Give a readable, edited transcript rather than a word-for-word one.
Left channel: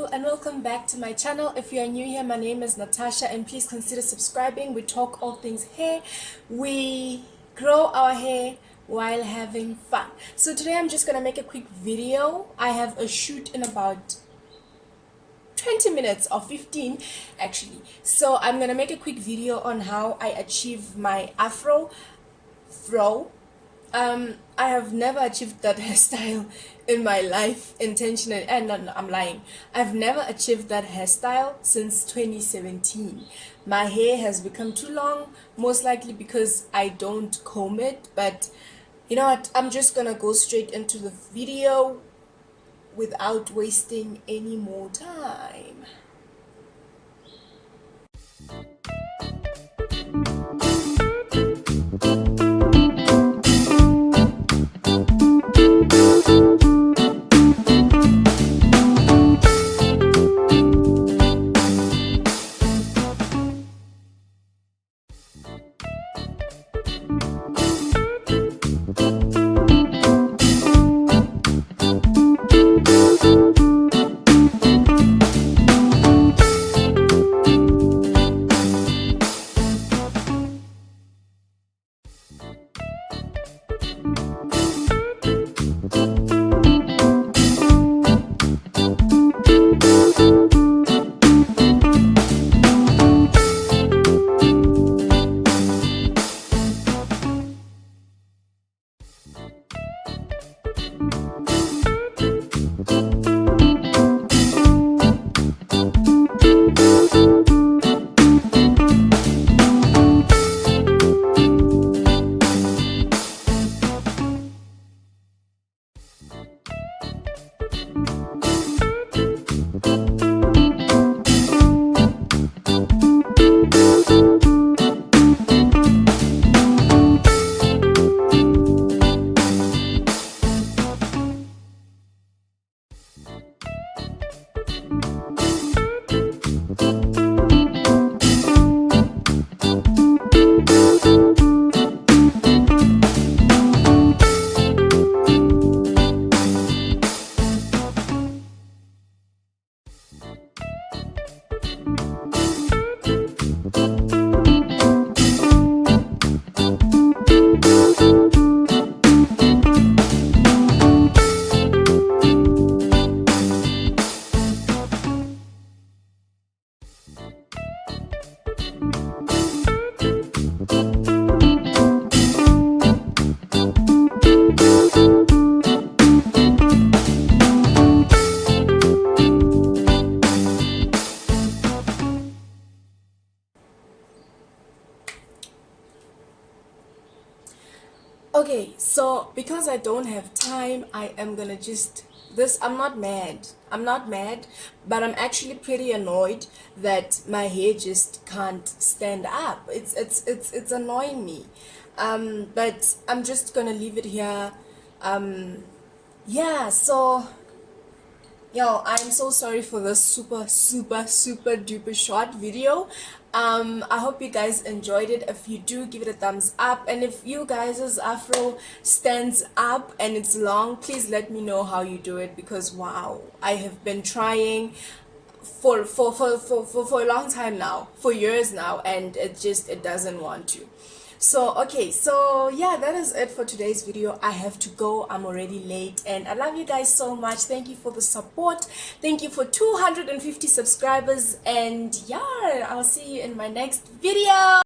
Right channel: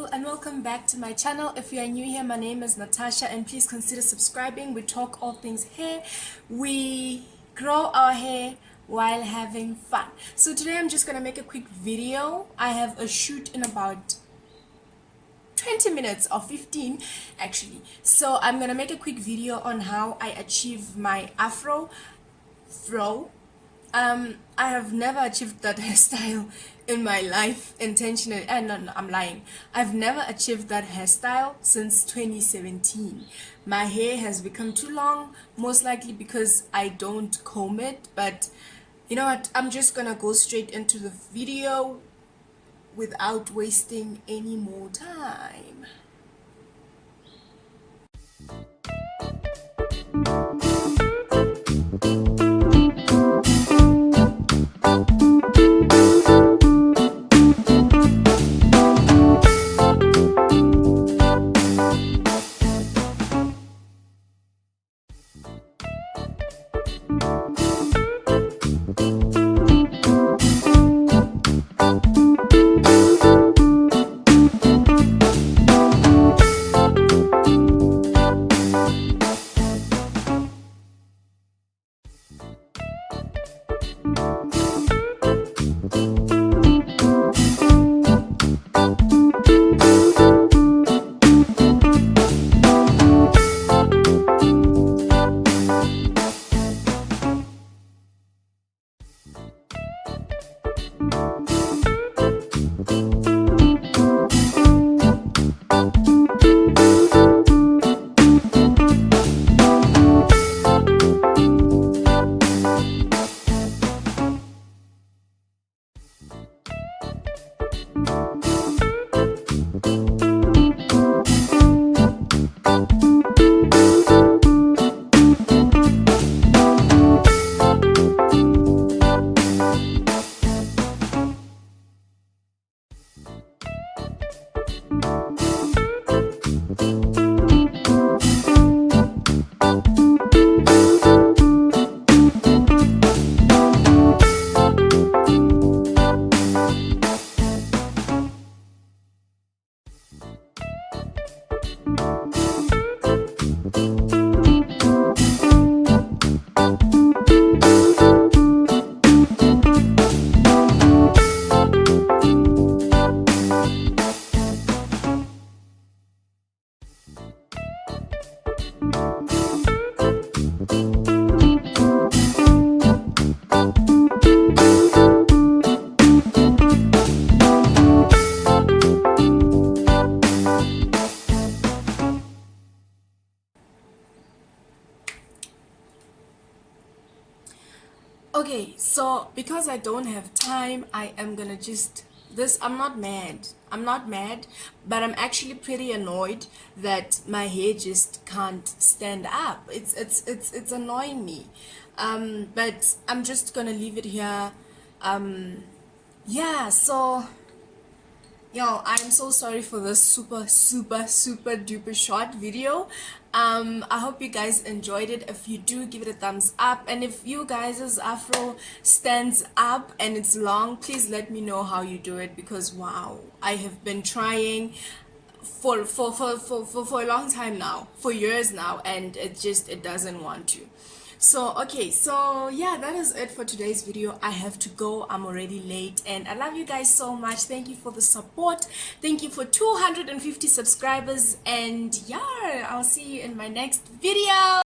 people, and welcome back to my channel. If you are new here, my name is Natasha, and please consider subscribing. We talk all things hair. We grow our hair while having fun. So today I'm just gonna make a quick video. I have a shoot in about 20 minutes or 15 actually. So I'm gonna make a quick video on how I achieve my afro throw. I have never achieved that hairstyle in my life intentionally, and no, I'm lying. I've never achieved that hairstyle since 2017. My hair has become too long, most likely because I don't comb it, but you know what, I'm just gonna go straight into the video without wasting any more time. Okay, so because I don't have time, I am gonna just I'm not mad. I'm not mad, but I'm actually pretty annoyed that my hair just can't stand up. It's annoying me. But I'm just gonna leave it here. Yeah, so yo, I'm so sorry for this super duper short video. I hope you guys enjoyed it. If you do, give it a thumbs up, and if you guys' afro stands up and it's long, please let me know how you do it, because wow, I have been trying for a long time now, for years now, and it doesn't want to. So okay, so yeah, that is it for today's video. I have to go, I'm already late, and I love you guys so much. Thank you for the support. Thank you for 250 subscribers, and yeah, I'll see you in my next video.